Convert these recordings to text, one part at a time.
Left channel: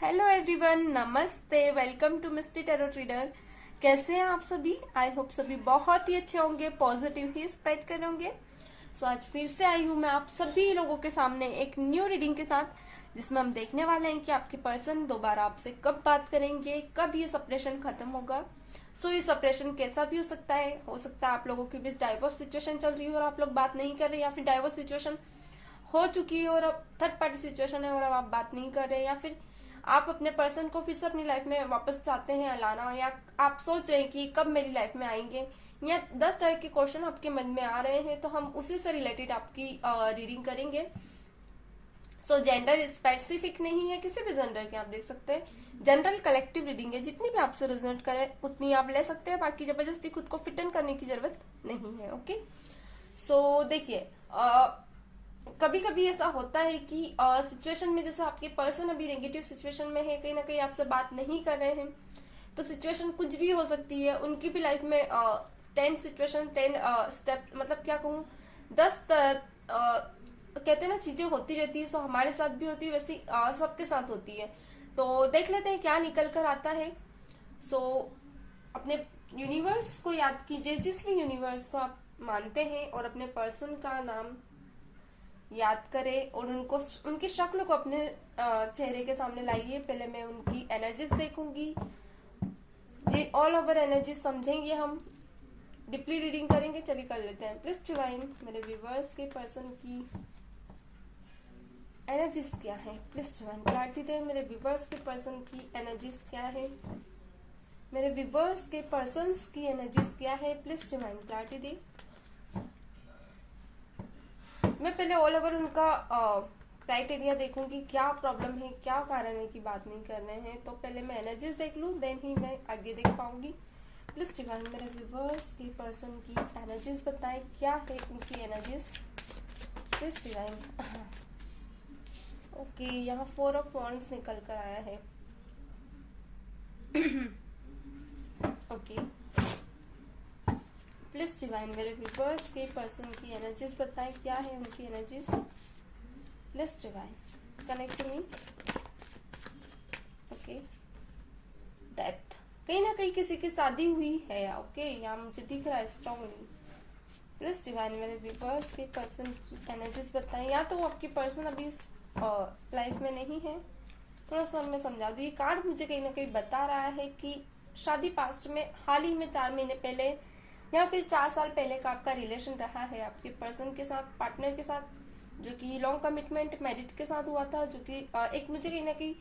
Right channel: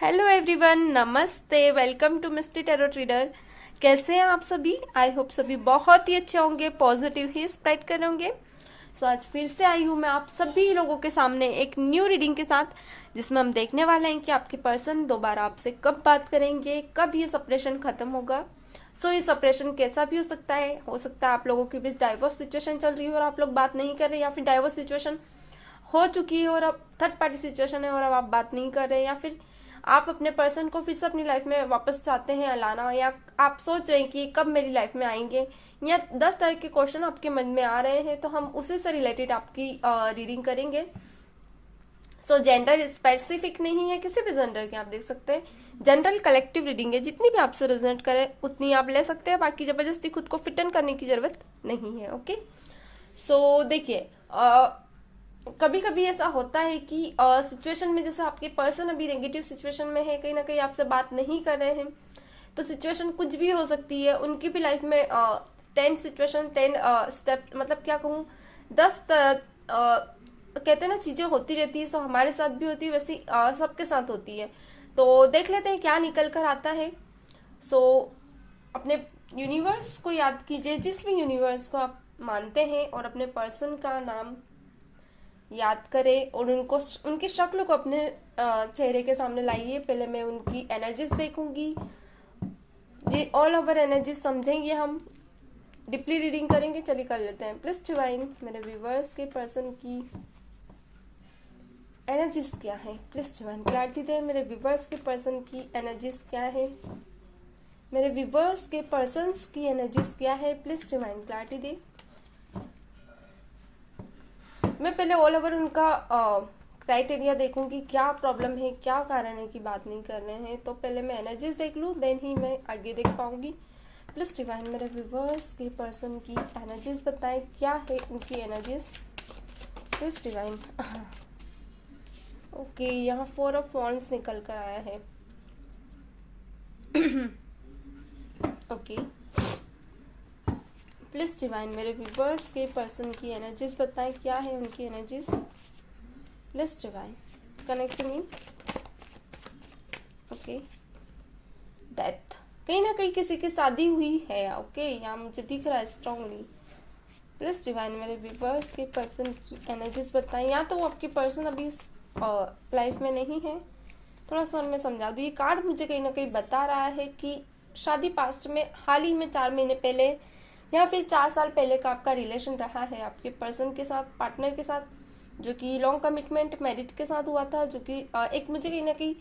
Hello everyone, नमस्ते। Welcome to Misty Tarot Trader. कैसे हैं आप सभी? आई होप सभी बहुत ही अच्छे होंगे, पॉजिटिव ही स्प्रेड कर होंगे। सो आज फिर से आई हूँ मैं आप सभी लोगों के सामने एक न्यू रीडिंग के साथ, जिसमें हम देखने वाले हैं कि आपके पर्सन दोबारा आपसे कब बात करेंगे, कब ये सेपरेशन खत्म होगा। सो ये सेपरेशन कैसा भी हो सकता है आप लोगों के बीच डाइवोर्स सिचुएशन चल रही है और आप लोग बात नहीं कर रहे, या फिर डाइवोर्स सिचुएशन हो चुकी है और अब थर्ड पार्टी सिचुएशन है और अब आप बात नहीं कर रहे, या फिर आप अपने पर्सन को फिर से अपनी लाइफ में वापस चाहते हैं लाना, या आप सोच रहे हैं कि कब मेरी लाइफ में आएंगे, या 10 तरह के क्वेश्चन आपके मन में आ रहे हैं। तो हम उसी से रिलेटेड आपकी रीडिंग करेंगे। सो जेंडर स्पेसिफिक नहीं है, किसी भी जेंडर के आप देख सकते हैं। जनरल कलेक्टिव रीडिंग है, जितनी भी आपसे रिजल्ट करे उतनी आप ले सकते हैं, बाकी जबरदस्ती खुद को फिट इन करने की जरूरत नहीं है। ओके, सो देखिए, कभी कभी ऐसा होता है कि सिचुएशन में, जैसे आपके पर्सन अभी नेगेटिव सिचुएशन में है, कहीं ना कहीं आपसे बात नहीं कर रहे हैं, तो सिचुएशन कुछ भी हो सकती है उनकी भी लाइफ में। 10 सिचुएशन, 10 स्टेप, मतलब क्या कहूँ, 10 कहते हैं ना, चीजें होती रहती है। सो हमारे साथ भी होती है, वैसी सबके साथ होती है। तो देख लेते हैं क्या निकल कर आता है। सो अपने यूनिवर्स को याद कीजिए, जिस भी यूनिवर्स को आप मानते हैं, और अपने पर्सन का नाम याद करें और उनको, उनकी शक्ल को अपने चेहरे के सामने लाइए। पहले मैं उनकी एनर्जीज देखूंगी, ये ऑल ओवर एनर्जी समझेंगे, हम डीपली रीडिंग करेंगे। चलिए कर लेते हैं। प्लीज डिवाइन, मेरे व्यूवर्स के पर्सन की एनर्जीज क्या है? प्लीज डिवाइन क्लैरिटी दे। मेरे व्यूवर्स के पर्सन की एनर्जीज क्या है? मेरे व्यूवर्स के पर्सन की एनर्जीज क्या है? प्लीज डिवाइन क्लैरिटी दे। मैं पहले ऑल ओवर उनका क्राइटेरिया देखूंगी, क्या प्रॉब्लम है, क्या कारण है कि बात नहीं कर रहे हैं। तो पहले मैं एनर्जीज देख लूं, देन ही मैं आगे देख पाऊंगी। प्लीज डिवाइन, मेरे व्यूवर्स के पर्सन की एनर्जीज बताएं, क्या है उनकी एनर्जीज? Please divine. ओके, यहाँ 4 ऑफ वॉन्ड्स निकल कर आया है। ओके, प्लीज डिवाइन, मेरे व्यूवर्स के पर्सन की एनर्जीज बताएं, क्या है उनकी energies? Please divine connect me. Okay, death, कहीं ना कहीं किसी की शादी हुई है। ओके, यहाँ मुझे दिख रहा है स्ट्रांगली। प्लीज डिवाइन, मेरे व्यूवर्स के पर्सन की एनर्जीज बताएं। या तो वो आपकी पर्सन अभी लाइफ में नहीं है, थोड़ा सा उनमें समझा दो। ये कार्ड मुझे कहीं ना कहीं बता रहा है कि शादी पास्ट में, हाल ही में 4 महीने पहले या फिर 4 साल पहले का आपका रिलेशन रहा है आपके पर्सन के साथ, पार्टनर के साथ, जो कि लॉन्ग कमिटमेंट मैरिड के साथ हुआ था, जो कि एक मुझे कहीं ना कहीं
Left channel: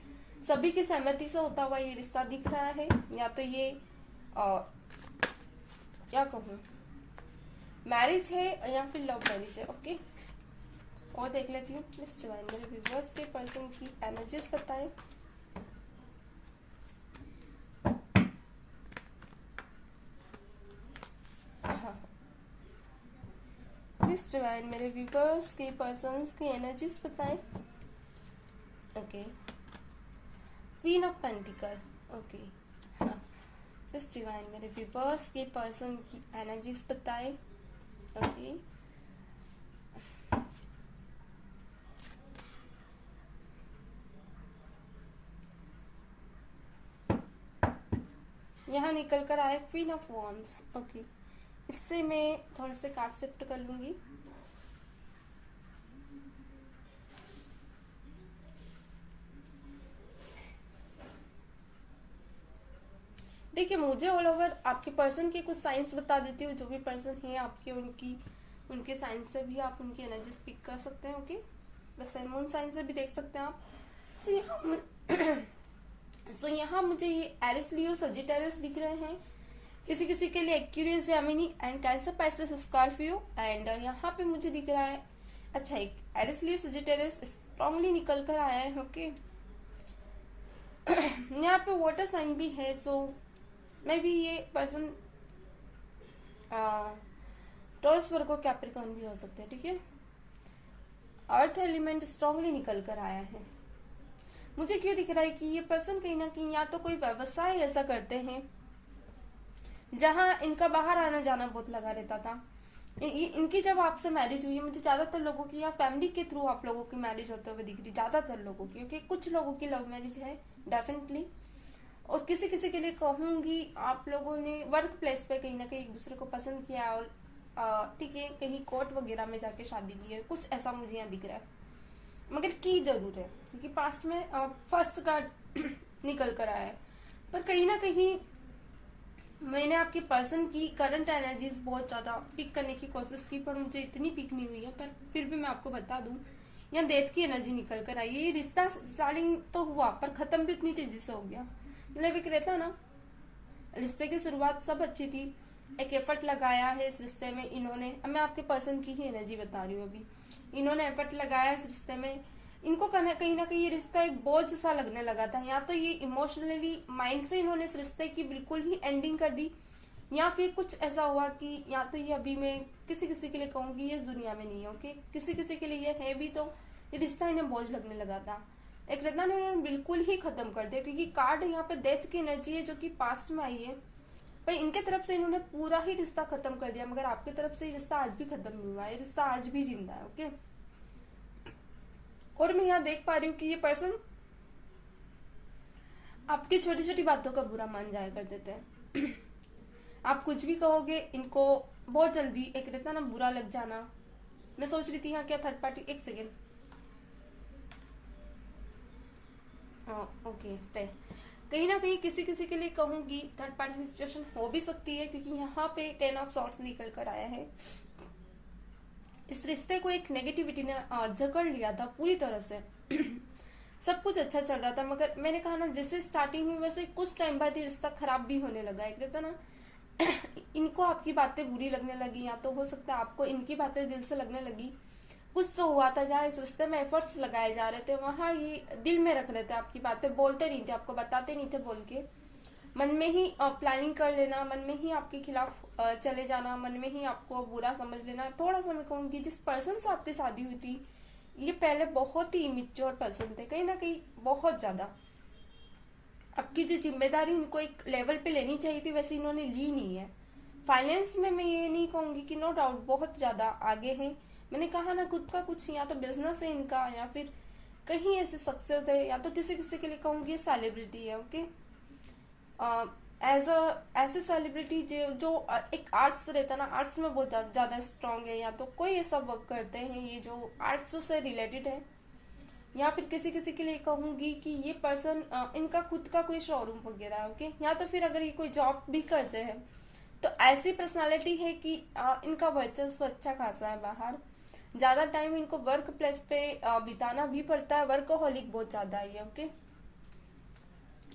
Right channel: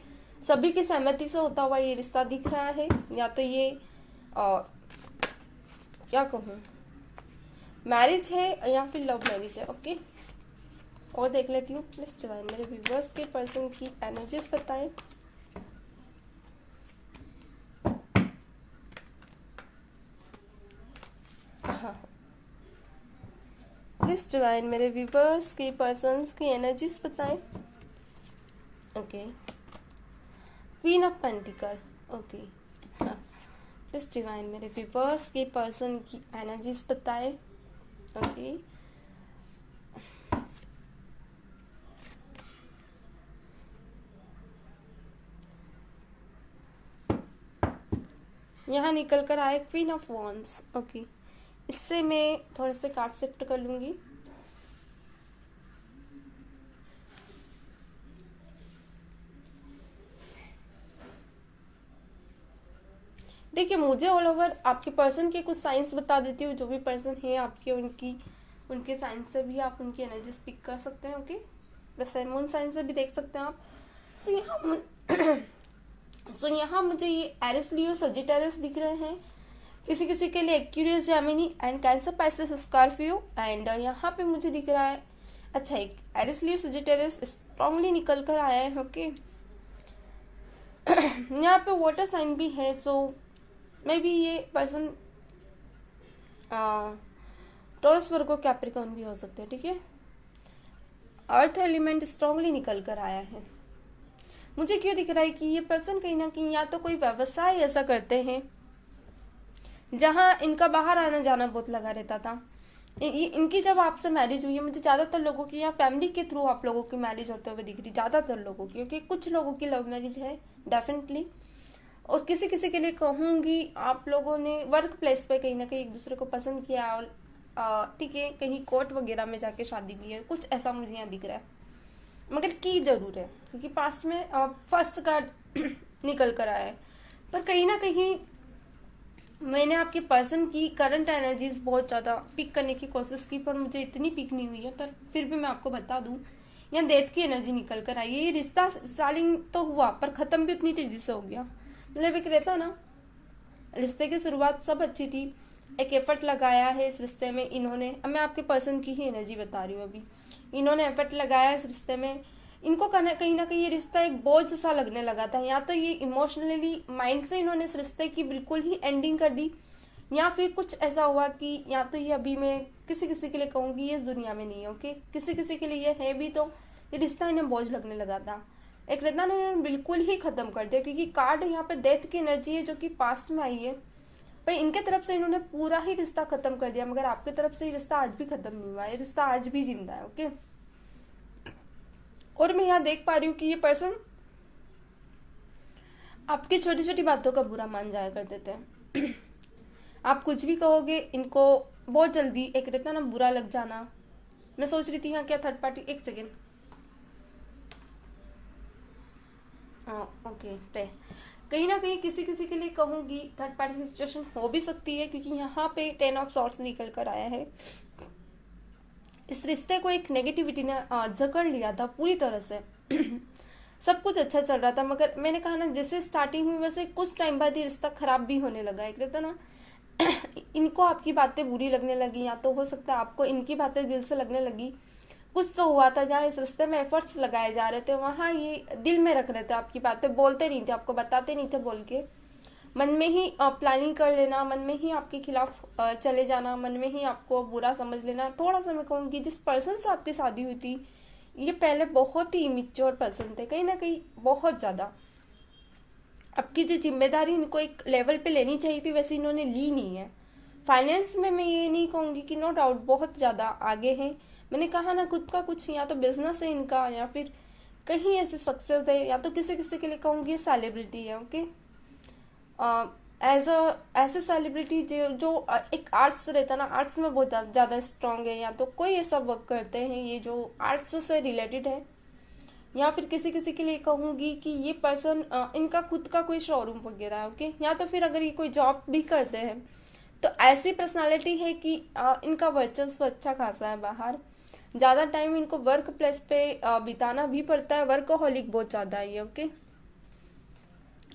सभी की सहमति से होता हुआ ये रिश्ता दिख रहा है। या तो ये क्या कहूँ, मैरिज है या फिर लव मैरिज है। ओके, और देख लेती हूँ। प्लीज डिवाइन, मेरे व्यूवर्स के पर्सन की एनर्जीज बताएं। प्लीज डिवाइन, मेरे व्यूवर्स के पर्सन्स की एनर्जीज बताएं। Okay, queen of pentacle. Okay, please divine, मेरे व्यूवर्स के पर्सन की एनर्जीज बताएं। ओके, यहाँ निकल कर आए क्वीन ऑफ वॉन्ड्स। ओके, इससे मैं थोड़े से कार्ड शिफ्ट कर लूंगी। देखिए, मुझे ऑल ओवर आपके पर्सन के कुछ साइंस बता देती हूँ। जो भी पर्सन है आपके, उनके साइंस से भी आप उनकी एनर्जी पिक कर सकते हैं। ओके, वैसे मून साइंस से भी देख सकते हैं आप। सो यहाँ मुझे ये एरिस, लियो, सजिटेरियस दिख रहे हैं। किसी किसी के लिए Aquarius, Gemini and cancer, Pisces, Scorpio. And यहाँ पे मुझे दिख रहा है, अच्छा, एक एरिस, लियो, सजिटेरियस स्ट्रांगली निकल कर आया है। ओके, यहाँ पे वाटर साइन भी है। सो मे बी ये पर्सन टॉरस, वर्गो, कैप्रिकॉर्न भी हो सकते हैं। ठीक है, अर्थ एलिमेंट स्ट्रांगली निकल कर आया है। मुझे क्यों दिख रहा है कि ये पर्सन कहीं ना कहीं या तो कोई व्यवसाय ऐसा करते हैं जहां इनका बाहर आना जाना बहुत लगा रहता था, इनकी जब आपसे मैरिज हुई है, मुझे ज्यादातर लोगों की या फैमिली के थ्रू आप लोगों की मैरिज होते हुए दिख रही, ज्यादातर लोगों की, क्योंकि कुछ लोगों की लव मैरिज है डेफिनेटली, और किसी किसी के लिए कहूंगी आप लोगों ने वर्क प्लेस पे कहीं ना कहीं एक दूसरे को पसंद किया और ठीक है कहीं कोर्ट वगैरह में जाके शादी की है, कुछ ऐसा मुझे यहाँ दिख रहा है, मगर की जरूर है क्योंकि पास्ट में फर्स्ट कार्ड निकल कर आया है। पर कहीं ना कहीं मैंने आपके पर्सन की करंट एनर्जीज बहुत ज्यादा पिक करने की कोशिश की, पर मुझे इतनी पिक नहीं हुई है, पर फिर भी मैं आपको बता दूं, यहाँ डेथ की एनर्जी निकल कर आई है। ये रिश्ता स्टार्टिंग तो हुआ पर खत्म भी उतनी तेजी से हो गया। मतलब एक रहता ना, रिश्ते की शुरुआत सब अच्छी थी, एक एफर्ट लगाया है इस रिश्ते में इन्होंने, अब मैं आपके पर्सन की ही एनर्जी बता रही हूँ अभी, इन्होंने एफर्ट लगाया इस रिश्ते में, इनको कहीं ना कहीं ये रिश्ता एक बोझ सा लगने लगा था, या तो ये इमोशनली माइंड से इन्होंने इस रिश्ते की बिल्कुल ही एंडिंग कर दी, या फिर कुछ ऐसा हुआ कि या तो ये अभी मैं किसी किसी के लिए कहूंगी ये इस दुनिया में नहीं है, ओके, किसी किसी के लिए ये है भी, तो ये रिश्ता इन्हें बोझ लगने लगा था। एक रिश्ता ने बिल्कुल ही खत्म कर दिया, क्योंकि कार्ड यहाँ पे डेथ की एनर्जी है जो कि पास्ट में आई है, पर इनके तरफ से इन्होंने पूरा ही रिश्ता खत्म कर दिया, मगर आपकी तरफ से ये रिश्ता आज भी खत्म नहीं हुआ है, रिश्ता आज भी जिंदा है, ओके। और मैं यहाँ देख पा रही हूँ कि ये पर्सन आपकी छोटी छोटी बातों का बुरा मान जाया कर देते हैं। आप कुछ भी कहोगे इनको बहुत जल्दी एक रहता ना बुरा लग जाना। मैं सोच रही थी यहाँ क्या थर्ड पार्टी, एक सेकेंड, ओके पे कहीं ना कहीं किसी किसी के लिए कहूंगी थर्ड पार्टी सिचुएशन हो भी सकती है, क्योंकि यहाँ पे 10 ऑफ सॉर्ट्स निकल कर आया है। इस रिश्ते को एक नेगेटिविटी ने जकड़ लिया था पूरी तरह से। सब कुछ अच्छा चल रहा था, मगर मैंने कहा ना जैसे स्टार्टिंग हुई वैसे कुछ टाइम बाद ये रिश्ता खराब भी होने लगा। एक रहता ना इनको आपकी बातें बुरी लगने लगी, या तो हो सकता है आपको इनकी बातें दिल से लगने लगी। कुछ तो हुआ था जहाँ इस रिश्ते में एफर्ट्स लगाए जा रहे थे, वहां ये दिल में रख रहे थे, आपकी बातें बोलते नहीं थे, आपको बताते नहीं थे बोल के, मन में ही प्लानिंग कर लेना, मन में ही आपके खिलाफ चले जाना, मन में ही आपको बुरा समझ लेना। थोड़ा सा मैं कहूंगी जिस पर्सन से आपकी शादी हुई थी ये पहले बहुत ही इमेच्योर पर्सन थे, कहीं ना कहीं बहुत ज्यादा। आपकी जो जिम्मेदारी इनको एक लेवल पे लेनी चाहिए थी वैसे इन्होंने ली नहीं है। फाइनेंस में मैं ये नहीं कहूंगी कि नो डाउट बहुत ज्यादा आगे है, मैंने कहा ना खुद का कुछ या तो बिजनेस है इनका, या फिर कहीं ऐसे सक्सेस है, या तो किसी किसी के लिए कहूंगी सेलिब्रिटी है, ओके। एज अ ऐसे सेलिब्रिटी जो एक आर्ट्स रहता ना, आर्ट्स में बहुत ज्यादा स्ट्रांग है, या तो कोई ऐसा वर्क करते हैं ये जो आर्ट्स से रिलेटेड है, या फिर किसी किसी के लिए कहूंगी कि ये पर्सन इनका खुद का कोई शोरूम वगैरह है, ओके। या तो फिर अगर ये कोई जॉब भी करते हैं तो ऐसी पर्सनालिटी है कि इनका वर्चस्व अच्छा खासा है बाहर, ज्यादा टाइम इनको वर्क प्लेस पे बिताना भी पड़ता है, वर्कहोलिक बहुत ज्यादा है ये, ओके।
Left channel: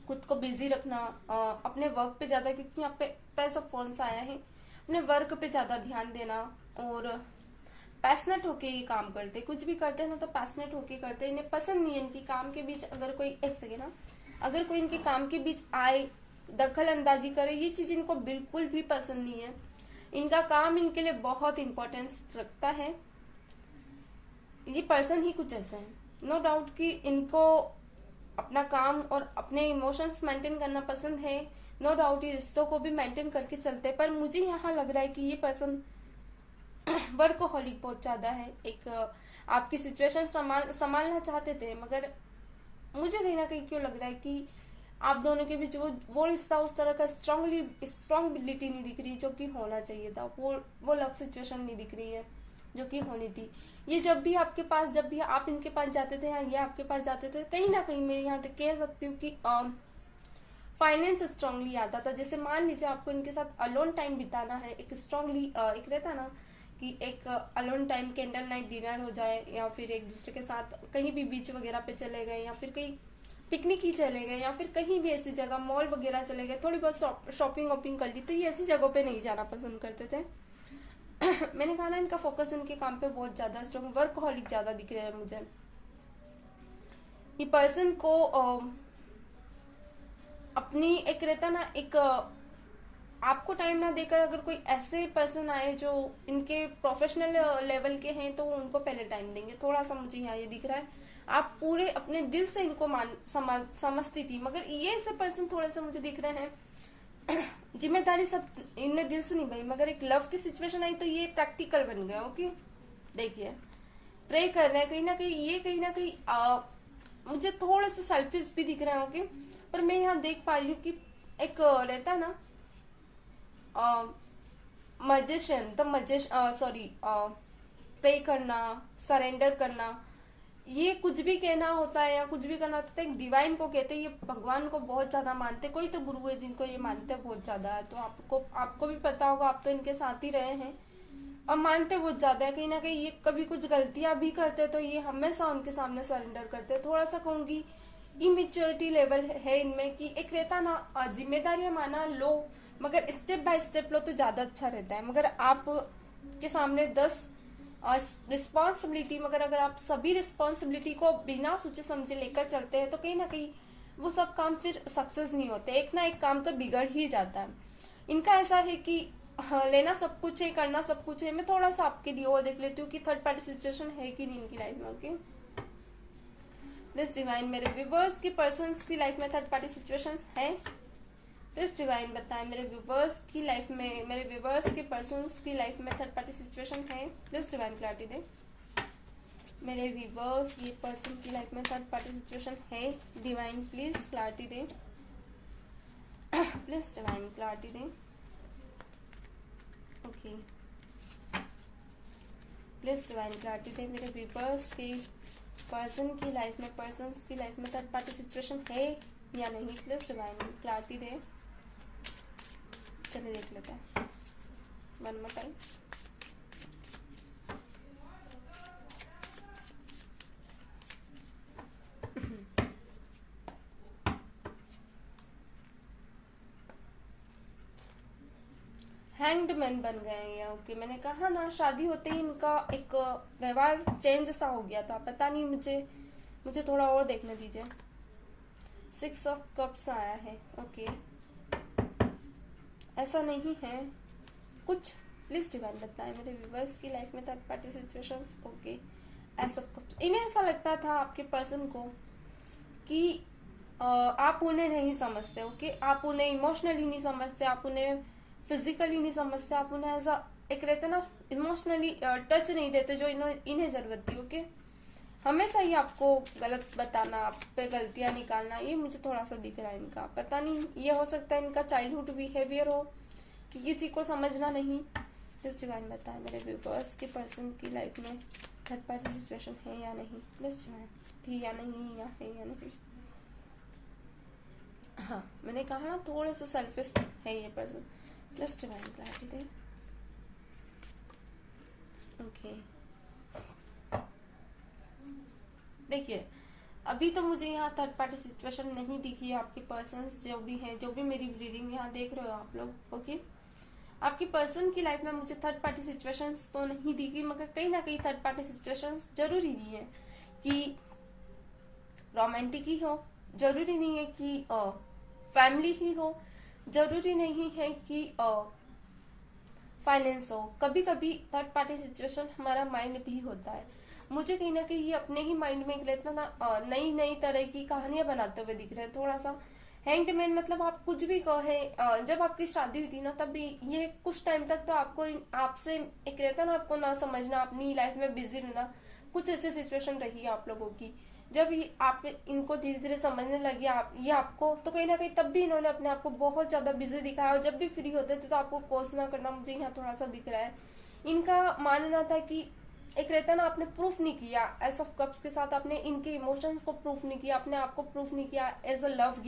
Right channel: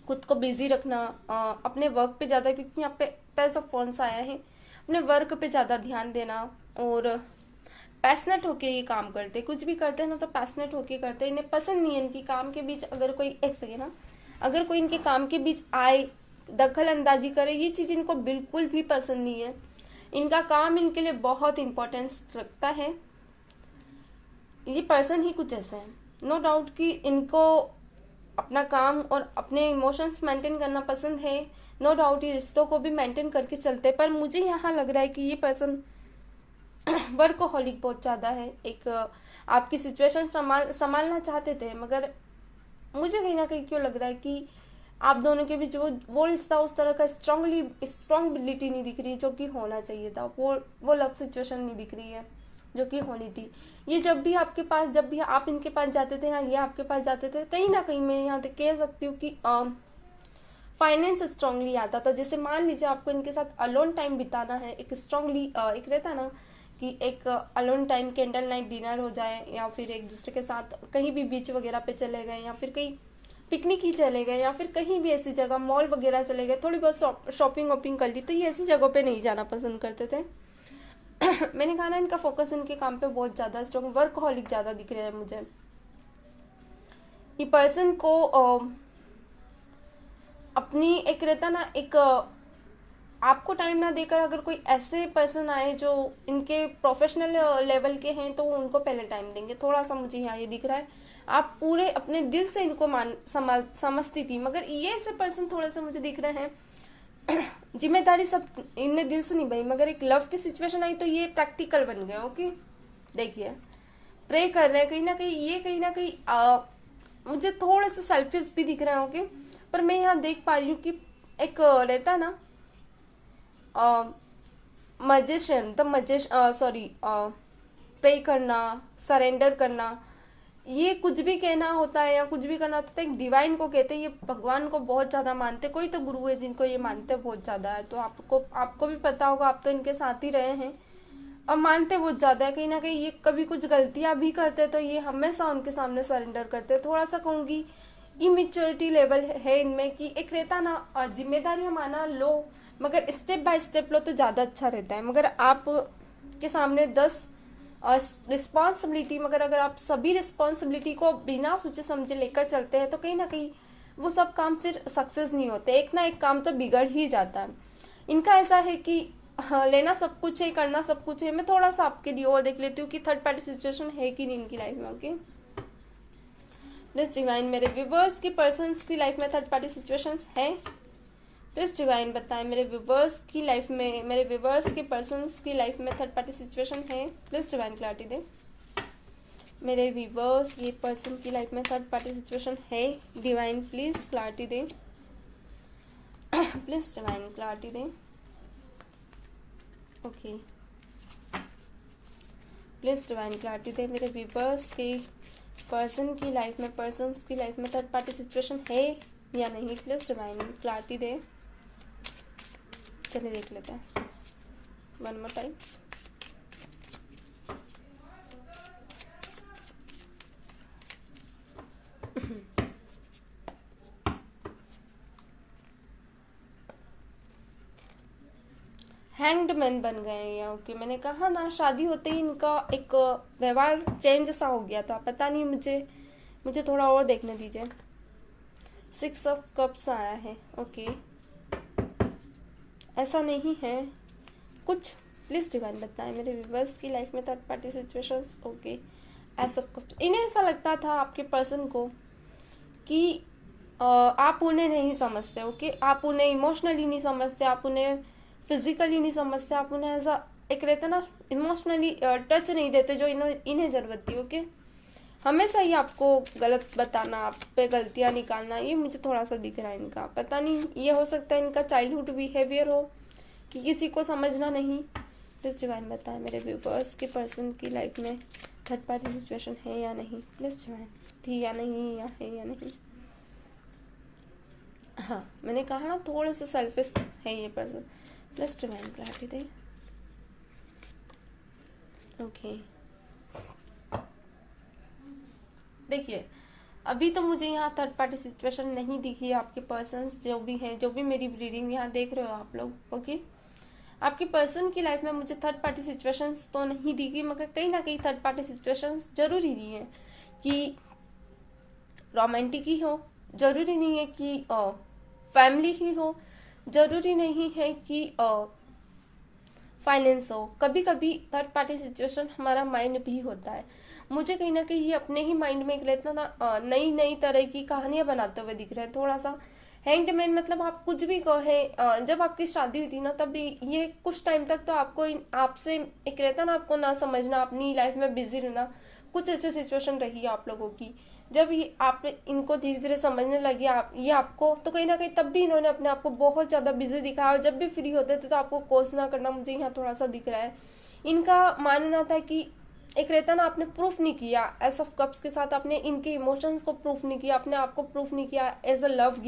खुद को बिजी रखना अपने वर्क पे ज्यादा, क्योंकि यहाँ पे पैसा फोन्स आया है, अपने वर्क पे ज्यादा ध्यान देना, और पैशनेट होके ये काम करते, कुछ भी करते हैं ना तो पैशनेट होके करते हैं। इन्हें पसंद नहीं है इनकी काम के बीच अगर कोई, एक सेकेंड ना, अगर कोई इनके काम के बीच आए दखल अंदाजी करे, ये चीज इनको बिल्कुल भी पसंद नहीं है। इनका काम इनके लिए बहुत इंपॉर्टेंस रखता है। ये पर्सन ही कुछ ऐसा है, नो डाउट कि इनको अपना काम और अपने इमोशंस मेंटेन करना पसंद है, नो डाउट ये रिश्तों को भी मेंटेन करके चलते, पर मुझे यहाँ लग रहा है कि ये पर्सन वर्कहोलिक बहुत ज्यादा है। एक आपकी सिचुएशन संभालना चाहते थे, मगर मुझे कहीं ना कहीं क्यों लग रहा है कि आप दोनों के बीच वो रिश्ता उस तरह का स्ट्रॉन्गबिलिटी नहीं दिख रही जो कि होना चाहिए था, वो लव सिचुएशन नहीं दिख रही है जो कि होनी थी। ये जब भी आपके पास, जब भी आप इनके पास जाते थे या ये आपके पास जाते थे, कहीं ना कहीं मैं यहाँ तक कह सकती हूँ कि फाइनेंस स्ट्रांगली आता था। जैसे मान लीजिए आपको इनके साथ अलोन टाइम बिताना है, एक स्ट्रांगली एक रहता ना कि एक alone time candle night dinner हो जाए, या फिर एक दूसरे के साथ कहीं भी बीच वगैरह पे चले गए, या फिर कहीं पिकनिक ही चले गए, या फिर कहीं भी ऐसी जगह मॉल वगैरह चले गए, थोड़ी बहुत शॉपिंग वॉपिंग कर ली, तो ये ऐसी जगहों पे नहीं जाना पसंद करते थे। मैंने कहा ना इनका फोकस इनके काम पे बहुत ज्यादा स्ट्रॉन्ग, वर्कहोलिक ज्यादा दिख रहे हैं मुझे। ये पर्सन को अपनी एक रहता ना एक आपको टाइम ना देकर अगर कोई ऐसे पर्सन आए जो इनके प्रोफेशनल लेवल के हैं तो वो उनको पहले टाइम देंगे, थोड़ा सा मुझे यहाँ ये दिख रहा है। आप पूरे अपने दिल से इनको समझती थी, मगर ये ऐसे पर्सन थोड़े से मुझे दिख रहे हैं जिम्मेदारी सब इनने दिल से निभाई, मगर एक लव की सिचुएशन आई तो ये प्रैक्टिकल बन गया। ओके, देखिए प्रे कर रहे हैं, कहीं ना कहीं ये कहीं ना कहीं मुझे थोड़ा सा सेल्फिश भी दिख रहा है। ओके, पर मैं यहाँ देख पा रही हूँ कि एक रहता ना मजिशियन, द मजिश सॉरी प्रे करना, सरेंडर करना, ये कुछ भी कहना होता है या कुछ भी करना होता है एक डिवाइन को कहते हैं। ये भगवान को बहुत ज्यादा मानते, कोई तो गुरु है जिनको ये मानते बहुत ज्यादा है। तो आपको भी पता होगा, आप तो इनके साथ ही रहे हैं, अब मानते बहुत ज्यादा है। कहीं ना कहीं ये कभी कुछ गलतियां भी करते तो ये हमेशा उनके सामने सरेंडर करते। थोड़ा सा कहूंगी इमेच्योरिटी लेवल है इनमें, कि एक रहता ना जिम्मेदारियां माना लो, मगर स्टेप बाय स्टेप लो तो ज्यादा अच्छा रहता है। मगर आप के सामने 10 रिस्पॉन्सिबिलिटी, मगर अगर आप सभी रिस्पॉन्सिबिलिटी को बिना सोचे समझे लेकर चलते हैं तो कहीं ना कहीं वो सब काम फिर सक्सेस नहीं होते, एक ना एक काम तो बिगड़ ही जाता है। इनका ऐसा है कि हाँ, लेना सब कुछ है, करना सब कुछ है। मैं थोड़ा सा आपके लिए और देख लेती हूँ कि थर्ड पार्टी सिचुएशन है कि नहीं इनकी लाइफ में। ओके, प्लीज डिवाइन, मेरे व्यूअर्स की पर्सन्स की लाइफ में थर्ड पार्टी सिचुएशंस है। प्लीज डिवाइन बताएं मेरे व्यूअर्स की लाइफ में, मेरे व्यूअर्स के पर्सन्स की लाइफ में थर्ड पार्टी सिचुएशन है। प्लीज डिवाइन क्लैरिटी दे। मेरे व्यूअर्स ये पर्सन की लाइफ में थर्ड पार्टी सिचुएशन है। डिवाइन प्लीज क्लैरिटी दे, प्लीज डिवाइन क्लैरिटी दे। ओके, प्लीज डिवाइन क्लैरिटी दे मेरे व्यूअर्स के पर्सन की लाइफ में, पर्सन्स की लाइफ में थर्ड पार्टी सिचुएशन है या नहीं। प्लीज डिवाइन क्लैरिटी दे। चलिए देख लेते हैं one more time. Hanged man बन गए हैं यहाँ। ओके, मैंने कहा ना शादी होते ही इनका एक व्यवहार चेंज सा हो गया था, पता नहीं, मुझे थोड़ा और देखने दीजिए। 6 ऑफ कप्स आया है। ओके, ऐसा नहीं है कुछ। प्लीज डिवाइन बताएं मेरे व्यूअर्स की लाइफ में third party situations. Okay, S of cups. इन्हें ऐसा लगता था आपके पर्सन को कि आप उन्हें नहीं समझते। ओके, आप उन्हें इमोशनली नहीं समझते, आप उन्हें फिजिकली नहीं समझते, आप उन्हें ऐसा एक रहता ना इमोशनली टच नहीं देते जो इन्हें जरूरत थी। ओके, हमेशा ही आपको गलत बताना, आप पे गलतियां निकालना, ये मुझे थोड़ा सा दिख रहा है इनका। पता नहीं, ये हो सकता है इनका चाइल्डहुड बिहेवियर हो कि किसी को समझना नहीं। प्लीज डिवाइन बताएं मेरे व्यूअर्स के पर्सन की लाइफ में थर्ड पार्टी सिचुएशन है या नहीं। प्लीज डिवाइन, थी या नहीं, या है या नहीं। हाँ, मैंने कहा ना थोड़ा सा सेल्फिश है ये पर्सन। प्लीज डिवाइन क्लैरिटी दे। ओके, देखिए अभी तो मुझे यहाँ थर्ड पार्टी सिचुएशन नहीं दिखी। आपके पर्सन्स जो भी हैं, जो भी मेरी रीडिंग यहाँ देख रहे हो आप लोग, ओके, आपके पर्सन की लाइफ में मुझे थर्ड पार्टी सिचुएशंस तो नहीं दिखी, मगर कहीं ना कहीं थर्ड पार्टी सिचुएशंस जरूरी नहीं है कि रोमांटिक ही हो, जरूरी नहीं है कि फैमिली ही हो, जरूरी नहीं है कि फाइनेंस हो। कभी कभी थर्ड पार्टी सिचुएशन हमारा माइंड भी होता है। मुझे कहीं ना कहीं ये अपने ही माइंड में एक रहता ना नई नई तरह की कहानियां बनाते हुए दिख रहे हैं। थोड़ा सा हैंग्ड मैन, मतलब आप कुछ भी कहें, जब आपकी शादी हुई थी ना तब ये कुछ टाइम तक तो आपको आपसे एक रहता ना आपको ना समझना, अपनी लाइफ में बिजी रहना, कुछ ऐसे सिचुएशन रही आप लोगों की। जब आप इनको धीरे धीरे समझने लगे ये आपको, तो कहीं ना कहीं तब भी इन्होंने अपने आप को बहुत ज्यादा बिजी दिखाया, और जब भी फ्री होते थे तो आपको कोसना करना मुझे यहाँ थोड़ा सा दिख रहा है। इनका मानना था कि एक रहता ना आपने प्रूफ नहीं किया, एस ऑफ कप्स के साथ आपने इनके इमोशंस को प्रूफ नहीं किया, अपने आप को प्रूफ नहीं किया, as a love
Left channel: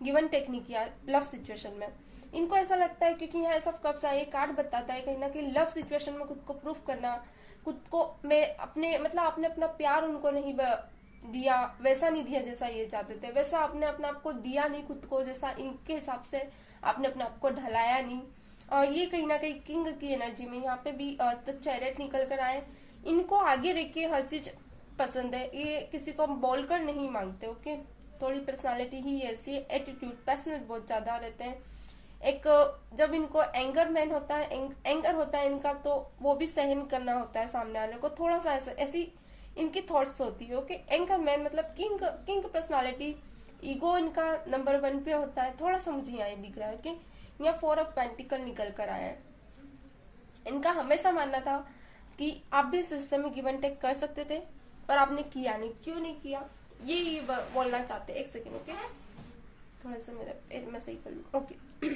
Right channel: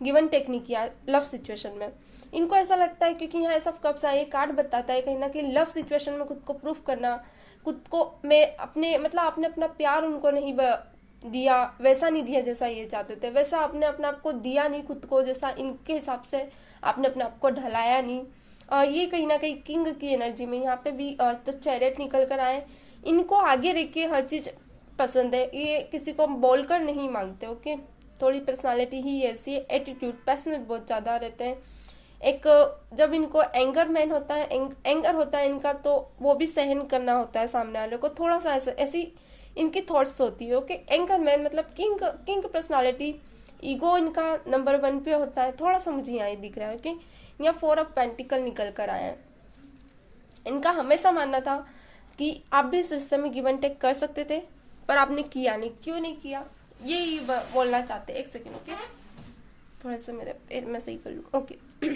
given take नहीं किया लव सिचुएशन में। इनको ऐसा लगता है क्योंकि यहाँ एस ऑफ कप्स आए, कार्ड बताता है कहीं ना कहीं लव सिचुएशन में खुद को प्रूफ करना, खुद को मैं अपने मतलब आपने अपना प्यार उनको नहीं दिया, वैसा नहीं दिया जैसा ये चाहते थे, वैसा आपने अपने आप को दिया नहीं खुद को जैसा इनके हिसाब से आपने अपने आप को ढलाया नहीं। ये कहीं ना कहीं किंग की एनर्जी में यहाँ पे भी तो चैरियट निकल कर आए। इनको आगे रख के हर चीज पसंद है, ये किसी को बोलकर नहीं मांगते। ओके, थोड़ी पर्सनालिटी ही ऐसी है, एटीट्यूड पैशनेट बहुत ज्यादा रहते हैं। एक जब इनको एंगर मैन होता है, एंगर होता है इनका, तो वो भी सहन करना होता है सामने वाले को, थोड़ा सा ऐसी इनकी थॉट्स होती है। ओके, एंकर मैन मतलब किंग पर्सनालिटी, ईगो इनका नंबर 1 पे होता है, थोड़ा सा मुझे यहाँ दिख रहा है कि यहाँ 4 ऑफ पेंटिकल निकल कर आया है। इनका हमेशा मानना था कि आप भी इस रिश्ते में गिव एंड टेक कर सकते थे, पर आपने किया नहीं। क्यों नहीं किया, ये बोलना चाहते। एक सेकेंड, ओके, थोड़ा सा मेरे पैर में सही कर लूँ, ओके।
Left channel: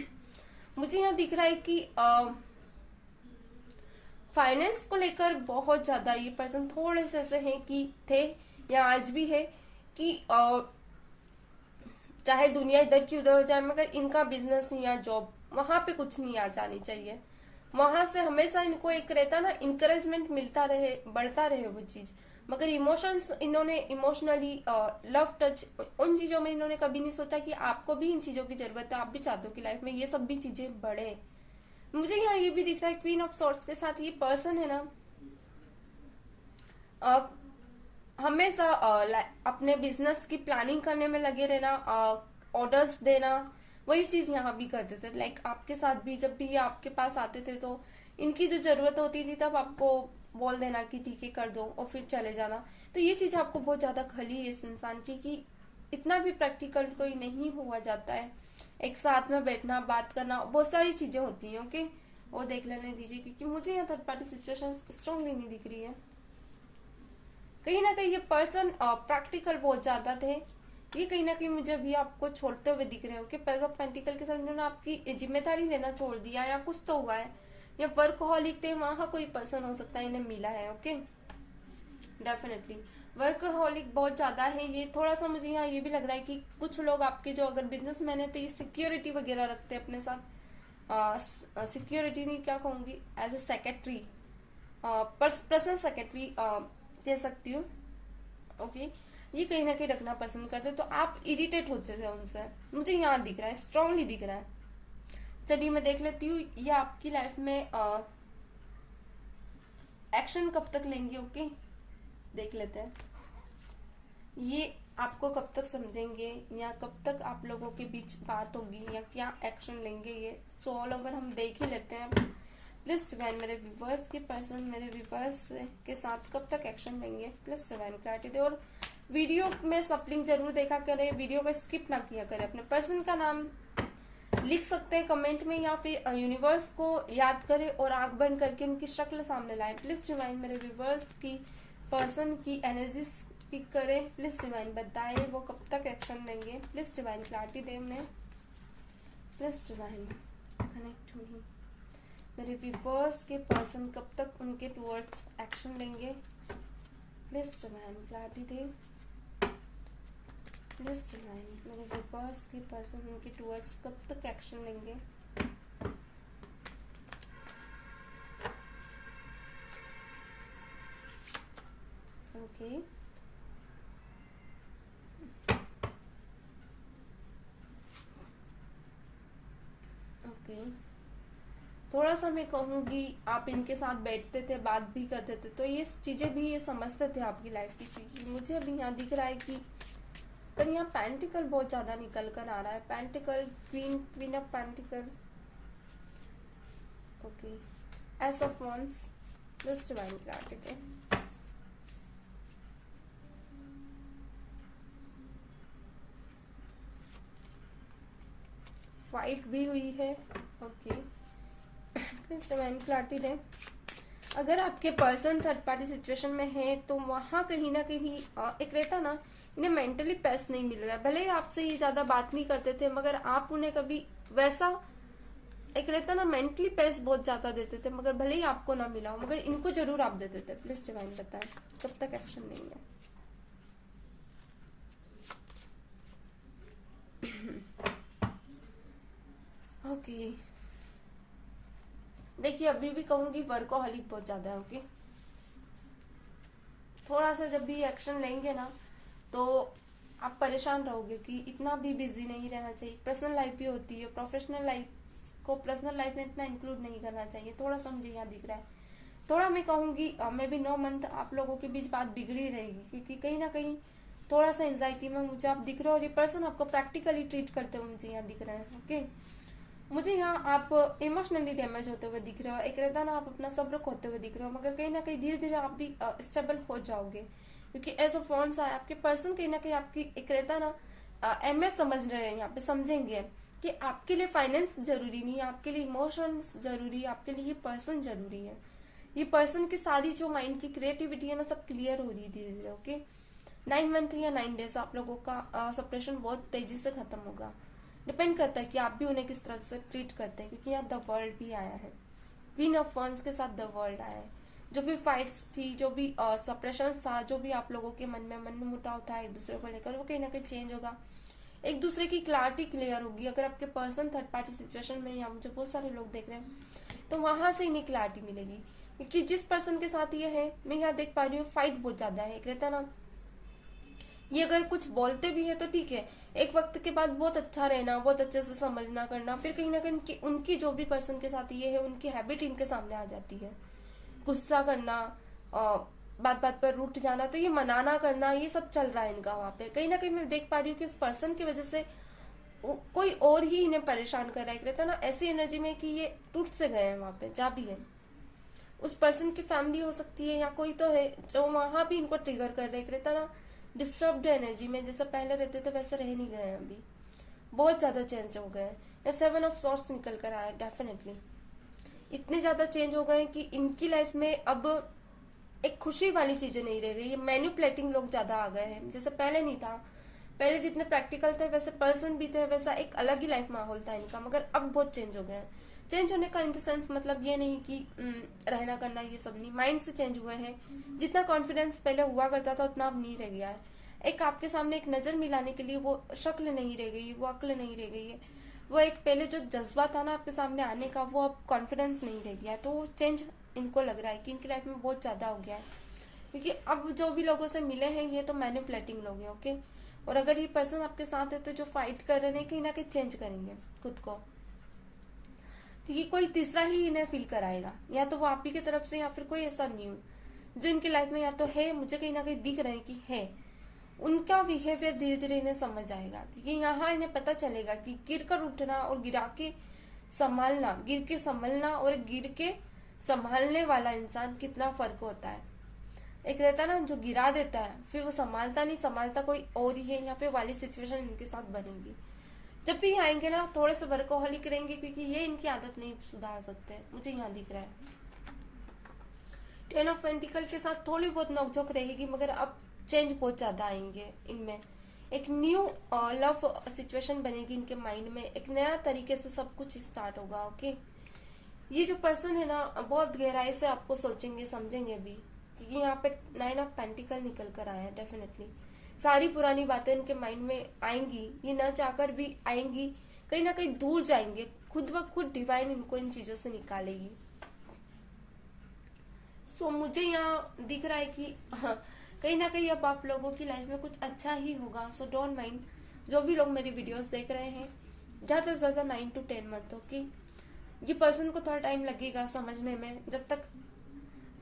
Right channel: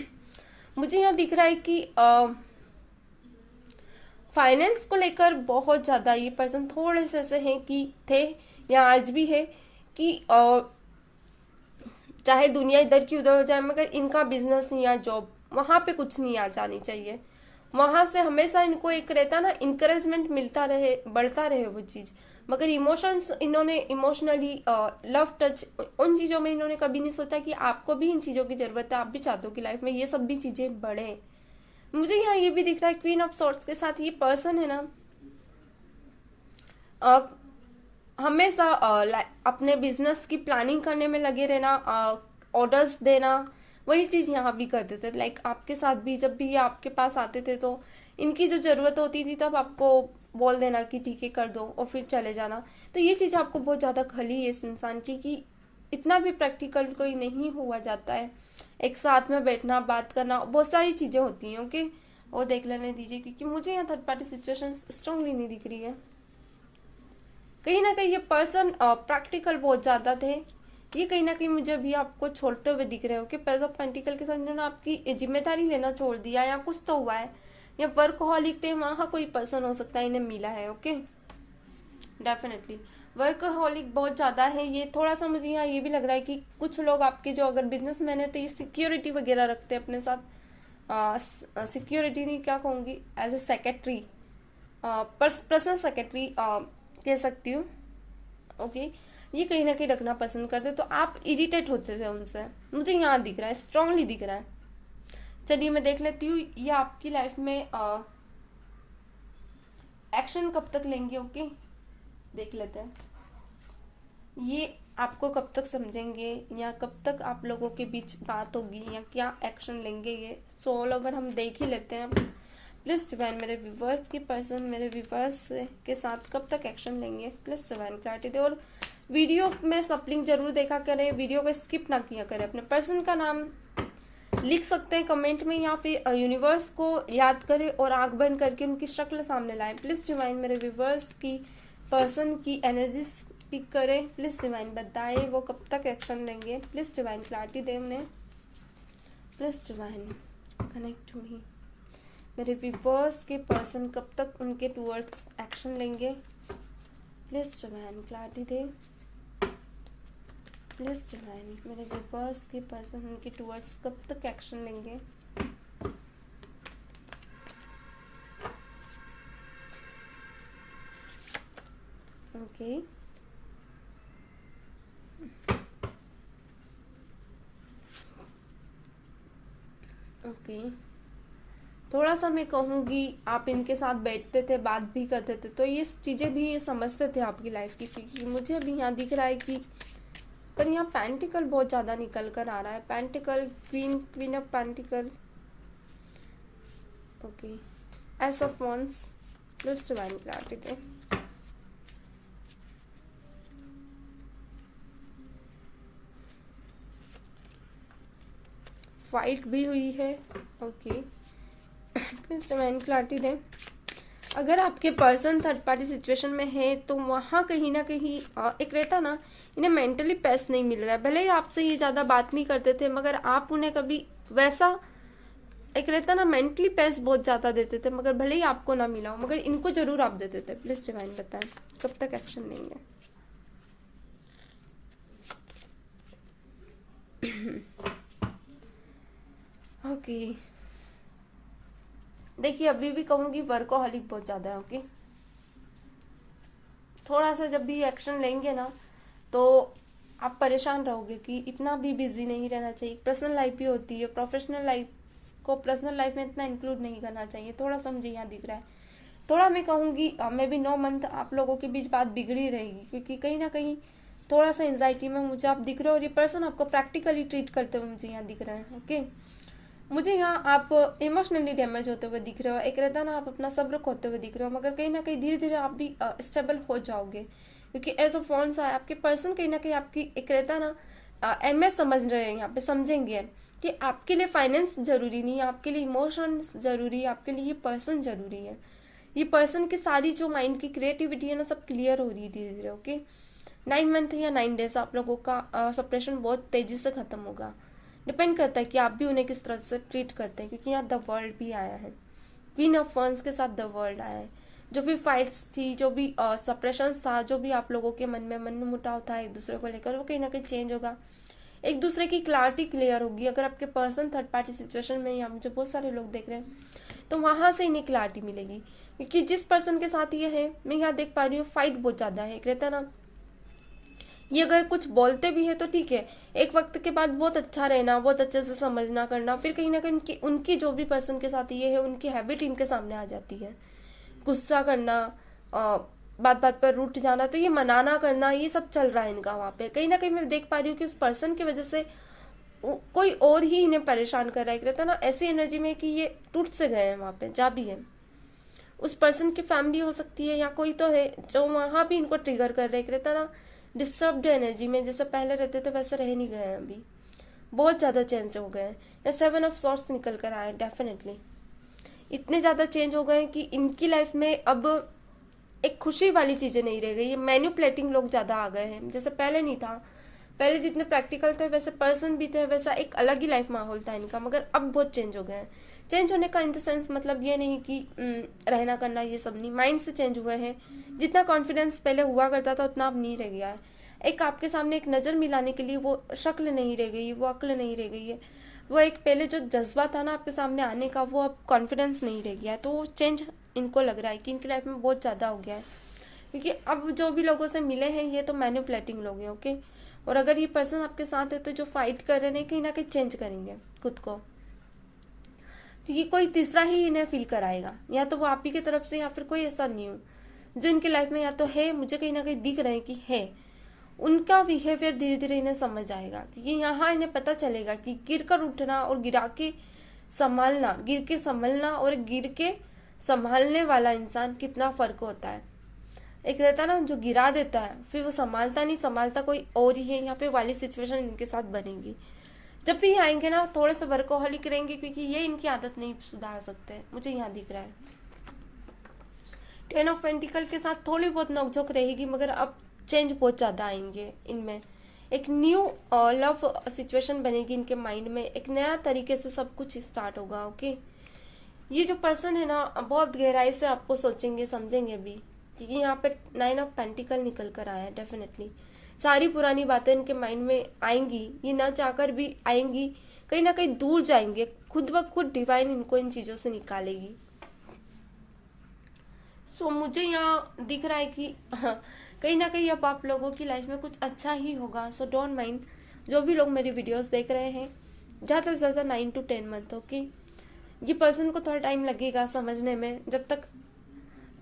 मुझे यहाँ दिख रहा है कि फाइनेंस को लेकर बहुत ज्यादा ये पर्सन थोड़े से ऐसे हैं कि थे या आज भी है कि चाहे दुनिया इधर की उधर हो जाए, मगर इनका बिजनेस या जॉब वहां पे कुछ नहीं आ जानी चाहिए। वहां से हमेशा इनको एक रहता ना इंकरेजमेंट मिलता रहे, बढ़ता रहे वो चीज। मगर इमोशंस इन्होंने इमोशनली लव टच उन चीजों में इन्होंने कभी नहीं सोचा कि आपको भी इन चीजों की जरूरत है, आप भी चाहते हो कि लाइफ में ये सब भी चीजें बढ़े। मुझे यहाँ ये भी दिख रहा है क्वीन ऑफ सॉर्ड्स के साथ ये पर्सन है ना, हमेशा अपने बिजनेस की प्लानिंग करने में लगे रहना, ऑर्डर्स देना, वही चीज यहाँ भी करते थे। लाइक आपके साथ भी जब भी ये आपके पास आते थे तो इनकी जो जरूरत होती थी तब आपको बोल देना कि ठीक है कर दो और फिर चले जाना। तो ये चीज आपको बहुत ज्यादा खली है इस इंसान की कि इतना भी प्रैक्टिकल कोई नहीं हुआ जाता है। एक साथ में बैठना, बात करना, बहुत सारी चीजें होती हैं, ओके। वो देख लेने दीजिए क्योंकि मुझे यहाँ थर्ड पार्टी सिचुएशन स्ट्रांगली नहीं दिख रही है। कहीं ना कहीं ये पर्सन प्रैक्टिकल बहुत ज्यादा थे। ये कहीं ना कहीं मुझे अभी आपको छोड़ते हुए दिख रहे हो कि पेज ऑफ पेंटिकल के साथ इन्होंने आपकी जिम्मेदारी लेना छोड़ दिया या कुछ तो हुआ है, या वर्कहॉलिक थे, वहां कोई पर्सन हो सकता है इन्हें मिला है, ओके। डेफिनेटली वर्कहॉलिक बहुत ज्यादा है ये। थोड़ा सा मुझे यहाँ ये भी लग रहा है कि कुछ लोग आपके जो अगर बिजनेसमैन है तो ये सिक्योरिटी वगैरह रखते हैं अपने साथ। सिक्योरिटी नहीं, क्या कहूंगी, as a secretary, personal secretary कह सकती हूँ, ओके। ये कहीं ना कहीं रखना पसंद करते, तो आप इरिटेट होते थे उनसे, मुझे यहाँ दिख रहा है, स्ट्रांगली दिख रहा है। चलिए मैं देख लेती हूँ ये आपकी लाइफ में एक्शन कब तक लेंगे, ओके। देख लेते हैं ये आपको कब तक समझेंगे या कब तक आप लोगों के बीच बात होगी या क्या एक्शन लेंगे ये। सो ऑल ओवर हम देख ही लेते हैं। प्लीज डिवाइन मेरे व्यूवर्स की पर्सन मेरे व्यूवर्स के साथ कब तक एक्शन लेंगे, प्लीज डिवाइन क्लैरिटी दे। और वीडियो में सप्लिंग जरूर देखा करें, वीडियो को स्किप ना किया करें। अपने पर्सन का नाम लिख सकते हैं कमेंट में या फिर यूनिवर्स को याद करें और आंख बंद करके उनकी शक्ल सामने लाएं। प्लीज डिवाइन मेरे व्यूवर्स की पर्सन की एनर्जी पिक करें। प्लीज डिवाइन बताएं वो कब तक एक्शन लेंगे। प्लीज डिवाइन क्लैरिटी दे उन्हें। प्लीज डिवाइन कनेक्ट मी मेरे व्यूवर्स के पर्सन कब तक उनके टूवर्ड्स एक्शन लेंगे। प्लीज डिवाइन क्लैरिटी दे। प्लीज डिवाइन मेरे व्यूवर्स के पर्सन उनके टूवर्ड्स कब तक एक्शन लेंगे। ओके ओके थोड़ा सा मैं कहूंगी आप इनके साथ बैठते थे, बात भी करते थे, तो ये चीजें भी ये समझते थे आपकी लाइफ की। क्योंकि मुझे भी यहाँ दिख रहा है कि पर यहाँ पेंटिकल बहुत ज्यादा निकल कर आ रहा है। Pentacle, queen of pentacle, okay, S of wands, plus divine clarity they. Fight भी हुई है, ओके, प्लीज डिवाइन क्लैरिटी दे। अगर आपके पर्सन थर्ड पार्टी सिचुएशन में है तो वहां कहीं ना कहीं एक रहता ना, इन्हें मेंटली पीस नहीं मिल रहा है। भले ही आपसे ये ज्यादा बात नहीं करते थे मगर आप उन्हें कभी वैसा एक रहता ना मेंटली पीस बहुत ज्यादा देते थे, मगर भले ही आपको ना मिला हो मगर इनको जरूर आप देते थे। प्लीज डिवाइन बताएं कब तक एक्शन लेंगे। ओके देखिए अभी भी कहूंगी वर्कोहॉलिक बहुत ज्यादा है, ओके। थोड़ा सा जब भी एक्शन लेंगे ना तो आप परेशान रहोगे कि इतना भी बिजी नहीं रहना चाहिए। पर्सनल लाइफ भी होती है, प्रोफेशनल लाइफ को पर्सनल लाइफ में इतना इंक्लूड नहीं करना चाहिए। थोड़ा सा मुझे यहाँ दिख रहा है। थोड़ा मैं कहूंगी मैं भी 9 मंथ आप लोगों के बीच बात बिगड़ी रहेगी क्योंकि कहीं ना कहीं थोड़ा सा एंजाइटी में मुझे आप दिख रहे हो और ये पर्सन आपको प्रैक्टिकली ट्रीट करते हुए मुझे यहाँ दिख रहा है, ओके। मुझे यहाँ आप इमोशनली डैमेज होते हुए दिख रहे हो। एक रहता ना आप अपना सब्र खोते हुए दिख रहे हो, मगर कहीं ना कहीं धीरे धीरे आप भी स्टेबल हो जाओगे क्योंकि एज ऑफ वॉन्ड्स है आपके पर्सन। कहीं ना कहीं आपकी एक रहता ना अहमियत समझ रहे हैं, यहाँ पे समझेंगे कि आपके लिए फाइनेंस जरूरी नहीं है, आपके लिए इमोशंस जरूरी है, आपके लिए ये पर्सन जरूरी है। ये पर्सन की सारी जो माइंड की क्रिएटिविटी है ना, सब क्लियर हो रही है धीरे धीरे। ओके, 9 मंथ या 9 डेज आप लोगों का सप्रेशन बहुत तेजी से खत्म होगा। डिपेंड करता है कि आप भी उन्हें किस तरह से ट्रीट करते हैं, क्योंकि यहाँ द वर्ल्ड भी आया है, क्वीन ऑफ वंस के साथ द वर्ल्ड आया है। जो भी फाइट्स थी, जो भी सप्रेशन था, जो भी आप लोगों के मन में मुटाव था एक दूसरे को लेकर, वो कहीं ना कहीं चेंज होगा। एक दूसरे की क्लैरिटी क्लियर होगी। अगर आपके पर्सन थर्ड पार्टी सिचुएशन में, या मुझे बहुत सारे लोग देख रहे हैं, तो वहां से इन्हें क्लैरिटी मिलेगी। क्योंकि जिस पर्सन के साथ ये है, मैं यहाँ देख पा रही हूँ फाइट बहुत ज्यादा है, एक रहता है ना, ये अगर कुछ बोलते भी है तो ठीक है, एक वक्त के बाद बहुत अच्छा रहना, बहुत अच्छे से समझना करना, फिर कहीं ना कहीं उनकी जो भी पर्सन के साथ ये है, उनकी हैबिट इनके सामने आ जाती है। गुस्सा करना, बात बात पर रूठ जाना, तो ये मनाना करना, ये सब चल रहा है इनका वहां पे। कहीं ना कहीं मैं देख पा रही हूँ कि उस पर्सन की वजह से कोई और ही इन्हें परेशान कर रहा है, रहता है ना, ऐसी एनर्जी में कि ये टूट से गए हैं वहां पे, जा भी है। उस पर्सन की फैमिली हो सकती है, या कोई तो है जो वहां भी इनको ट्रिगर कर रहे, रहता ना, डिस्टर्ब्ड एनर्जी में, जैसे पहले रहते थे वैसे रह नहीं गए हैं अभी, बहुत ज्यादा चेंज हो गए हैं। 7 ऑफ सॉर्ड्स निकल कर आए, डेफिनेटली इतने ज्यादा चेंज हो गए कि इनकी लाइफ में अब एक खुशी वाली चीजें नहीं रह गई। ये मैन्युपुलेटिंग लोग ज्यादा आ गए हैं, जैसे पहले नहीं था। पहले जितने प्रैक्टिकल थे, वैसे पर्सन भी थे, वैसा एक अलग ही लाइफ माहौल था इनका, मगर अब बहुत चेंज हो गए हैं। चेंज होने का इन द सेंस मतलब ये नहीं कि रहना करना ये सब नहीं, माइंड से चेंज हुए हैं। जितना कॉन्फिडेंस पहले हुआ करता था उतना अब नहीं रह गया है। एक आपके सामने एक नजर मिलाने के लिए वो शक्ल नहीं रह गई, वो अक्ल नहीं रह गई है, वो एक पहले जो जज्बा था ना आपके सामने आने का, वो अब कॉन्फिडेंस नहीं रह गया है। तो वो चेंज इनको लग रहा है कि इनकी लाइफ में बहुत ज्यादा हो गया है, क्योंकि अब जो भी लोगों से मिले हैं ये तो मैन्युपुलेटिंग लोग हैं। ओके, और अगर ये पर्सन आपके साथ है तो जो फाइट कर रहे हैं कहीं ना कहीं चेंज करेंगे खुद को, क्योंकि कोई तीसरा ही इन्हें फील कराएगा, या तो वो आप ही की तरफ से, या फिर कोई ऐसा न्यू जो इनकी लाइफ में या तो है, मुझे कहीं ना कहीं दिख रहे हैं कि है। उनका बिहेवियर धीरे धीरे इन्हें समझ आएगा, क्योंकि यहाँ इन्हें पता चलेगा कि गिर कर उठना और गिरा के संभालना, गिर के संभलना और गिर के संभालने वाला इंसान कितना फर्क होता है। एक रहता है ना जो गिरा देता है, फिर वो संभालता नहीं, संभालता कोई और ही है। यहाँ पे वाली सिचुएशन इनके साथ बनेगी। जब भी आएंगे ना थोड़े से वर्कोहॉलिक करेंगे, क्योंकि ये इनकी आदत नहीं सुधार सकते, मुझे यहाँ दिख रहा है। 10 ऑफ पेंटिकल के साथ थोड़ी बहुत नोकझोंक रहेगी, मगर अब चेंज बहुत ज्यादा आएंगे इनमें। एक न्यू लव सिचुएशन बनेगी इनके माइंड में, एक नया तरीके से सब कुछ स्टार्ट होगा। ओके, ये जो पर्सन है ना बहुत गहराई से आपको सोचेंगे समझेंगे भी, क्योंकि यहाँ पे 9 ऑफ पेंटिकल निकल कर आया है। डेफिनेटली सारी पुरानी बातें इनके माइंड में आएंगी, ये ना चाहकर भी आएंगी, कहीं ना कहीं दूर जाएंगे, खुद ब खुद डिवाइन इनको इन चीजों से निकालेगी। सो मुझे यहाँ दिख रहा है कि कहीं ना कहीं अब आप लोगों की लाइफ में कुछ अच्छा ही होगा। सो डोंट माइंड, जो भी लोग मेरी वीडियोस देख रहे हैं, ज्यादा से ज्यादा 9 to 10 मंथ। ओके, ये पर्सन को थोड़ा टाइम लगेगा समझने में, जब तक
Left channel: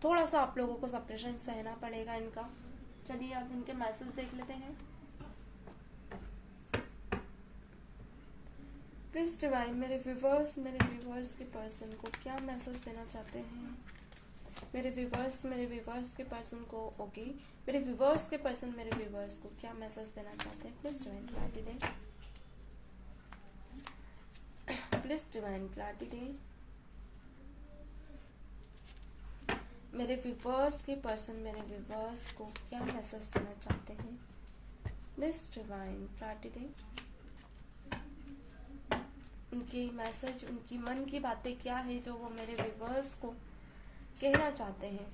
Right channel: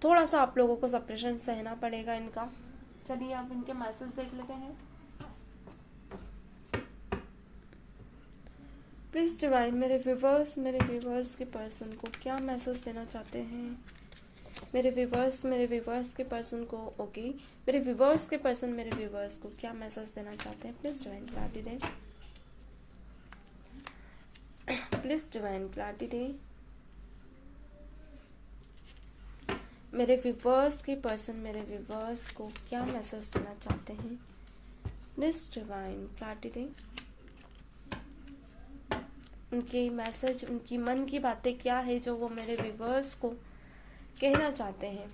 थोड़ा सा आप लोगों को सप्रेशन सहना पड़ेगा इनका। चलिए आप इनके मैसेज देख लेते हैं। प्लीज डिवाइन, मेरे व्यूवर्स के पर्सन को क्या मैसेज देना चाहते हैं? मेरे व्यूवर्स के पर्सन को, ओके, मेरे व्यूवर्स के पर्सन मेरे व्यूवर्स को क्या मैसेज देना चाहते हैं? प्लीज डिवाइन क्लैरिटी दें, प्लीज डिवाइन क्लैरिटी दें। मेरे व्यूवर्स के पर्सन मेरे व्यूवर्स को क्या मैसेज देना चाहते हैं? प्लीज डिवाइन क्लैरिटी दें। उनकी मैसेज, उनकी मन की बातें क्या है जो वो मेरे व्यूवर्स को कहना चाहते हैं?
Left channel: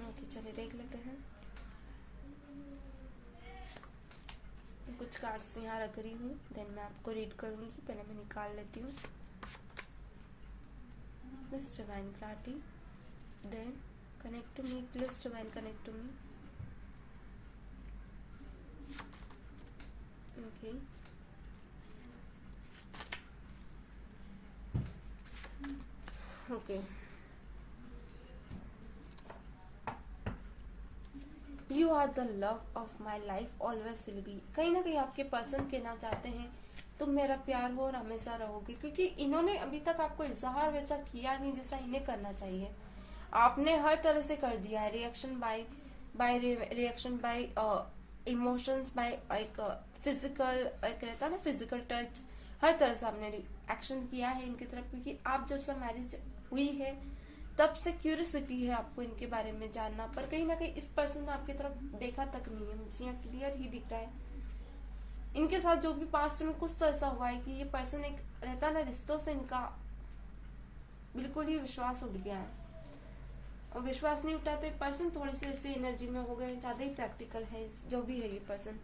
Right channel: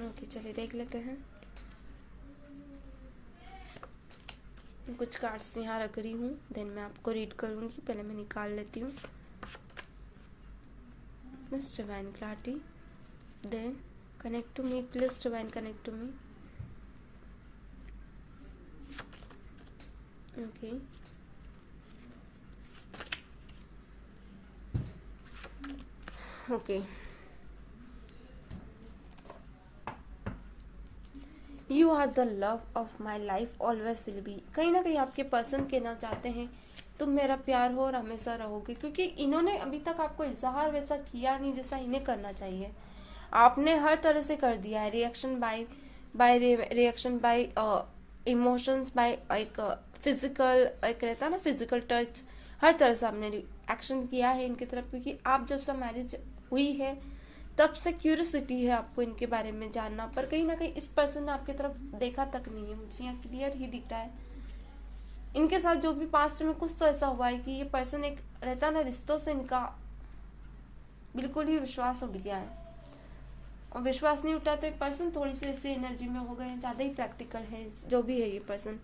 ओके, चलिए देख लेते हैं। कुछ कार्ड्स यहाँ रख रही हूँ, देन मैं आपको रीड करूंगी। पहले मैं निकाल लेती हूँ। Miss Divine Clarity, then connect to me, please Divine connect to me. Okay. Okay. You are the love of my life, always will be. कहीं ना कहीं आपके पर्सन कहना चाहते हैं तुम मेरा प्यार हो और हमेशा रहोगे, क्योंकि इन्होंने अभी तक आपको इजहार वैसा किया नहीं जैसा इन्हें करना चाहिए। आपने हर तरह से कर दिया है, reaction by reaction by emotions by एक फिजिकल, एक रहता है ना फिजिकल टच, हर तरह से आपने एक्शन किया है इनकी तरफ, क्योंकि आप जब से मैरिज हुई है तब से क्यूरियोसिटी है आपको इनके बारे में जानना, पर कहीं ना कहीं इस पर्सन ने आपकी तरफ देखा तक नहीं है, मुझे यहाँ क्लियर ही दिख रहा है। इनके साथ जो भी पास्ट में कुछ तो ऐसा हुआ है कि ये पर्सन एक रहता ना रिश्तों से इनका बिल्कुल ही विश्वास उठ गया है, और विश्वास नहीं उठाते पर्सन थोड़ी सी ऐसी एनर्जी में हो गए, ज्यादा ही प्रैक्टिकल है जो भी है ये person.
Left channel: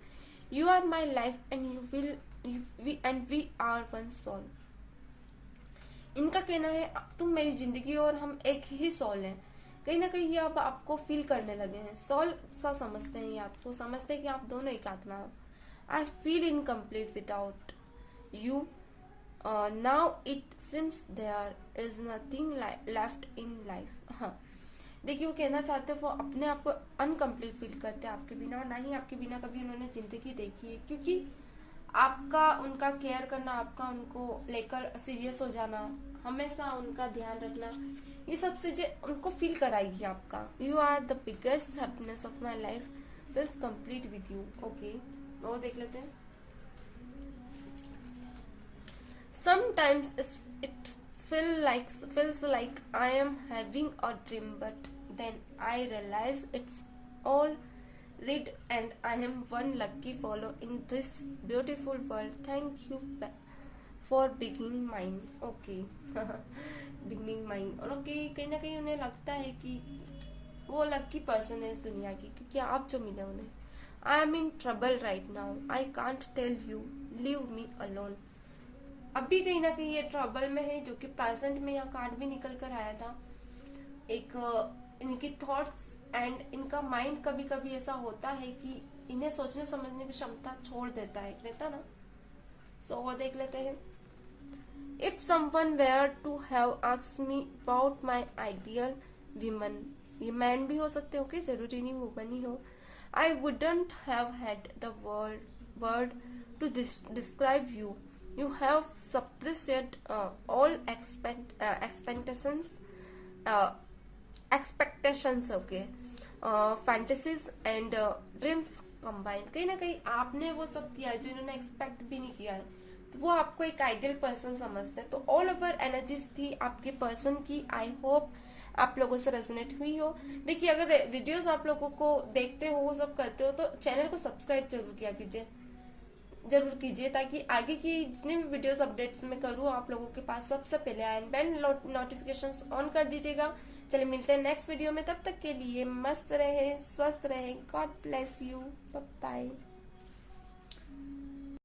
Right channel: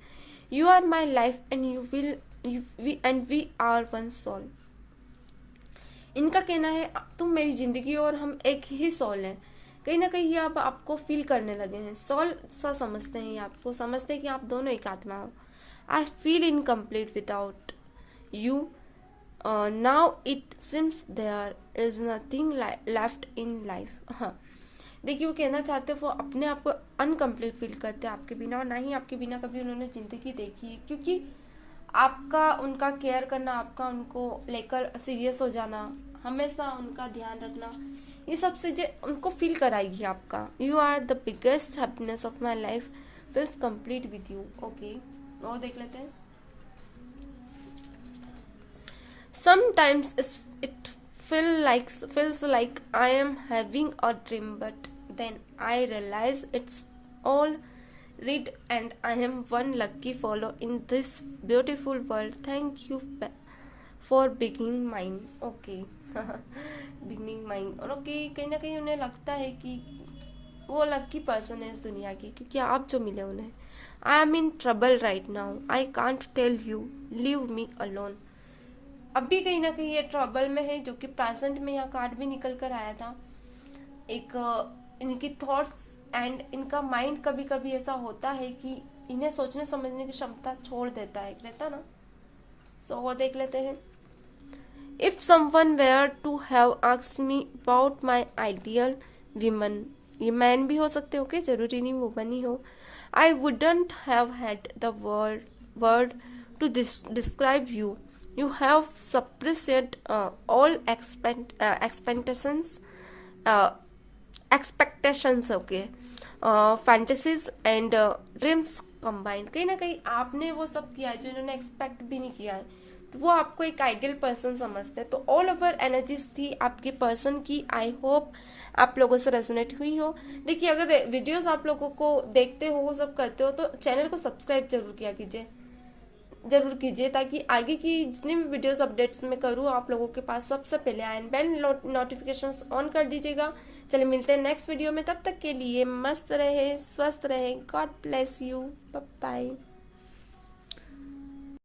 You are my life and you will and we are one soul. इनका कहना है तुम मेरी जिंदगी और हम एक ही सोल हैं। कहीं ना कहीं ये अब आपको फील करने लगे हैं, सोल सा समझते हैं, ये आपको समझते हैं कि आप दोनों एक आत्मा हो। I feel incomplete without you, now it seems there is nothing left in life. हाँ, देखिए वो कहना चाहते हैं वो अपने आप को अनकम्प्लीट फील करते हैं आपके बिना, और ना ही आपके बिना कभी उन्होंने जिंदगी देखी है, क्योंकि आपका उनका केयर करना, आपका उनको लेकर सीरियस हो जाना, हमेशा उनका ध्यान रखना, ये सब चीजें उनको फील कराएगी आपका। You are the biggest happiness of my life, feels complete with you. Okay, और देख लेते हैं। Sometimes it feels like I am having a dream, but then I realize it's all real and I am one lucky fellow in this beautiful world. Thank you for being mine. Okay, beginning mine. और okay, कहीं ना कहीं उन्हें लगता है कि वो lucky person है इस दुनिया की, क्योंकि आप जो मिले उन्हें। I am in trouble right now. I can't tell you. Leave me alone. अभी कहीं ना कहीं ये ट्रबल में है, जो कि प्रेजेंट में यहाँ कार्ड भी निकल कर आया था। एक इनकी थॉट्स एंड इनका माइंड कभी कभी ऐसा होता है कि इन्हें सोचने समझने की क्षमता छोड़ देता है, रहता ना। सो और देख लेते हैं। If someone were to have asked me about my ideal women, ये मैन भी हो सकते हो, के जरूरी नहीं वुमन ही हो। I wouldn't have had the word to describe you. You have suppressed all expectations, okay, fantasies and dreams combined. कहीं ना कहीं आपने वो सब किया है जो इन्होंने एक्सपेक्ट भी नहीं किया है, तो वो आपको एक आइडियल पर्सन समझते हैं। तो ऑल ओवर एनर्जीज थी आपके पर्सन की। आई होप आप लोगों से रेजोनेट हुई हो। देखिए, अगर वीडियोस आप लोगों को देखते हो, वो सब करते हो, तो चैनल को सब्सक्राइब जरूर कीजिए, ताकि आगे की जितने भी वीडियोस अपडेट्स में करूँ आप लोगों के पास सबसे पहले आए। बेल नोटिफिकेशंस ऑन कर दीजिएगा। चलिए मिलते हैं नेक्स्ट वीडियो में, तब तक के लिए मस्त रहे, स्वस्थ रहे। God bless you, bye bye.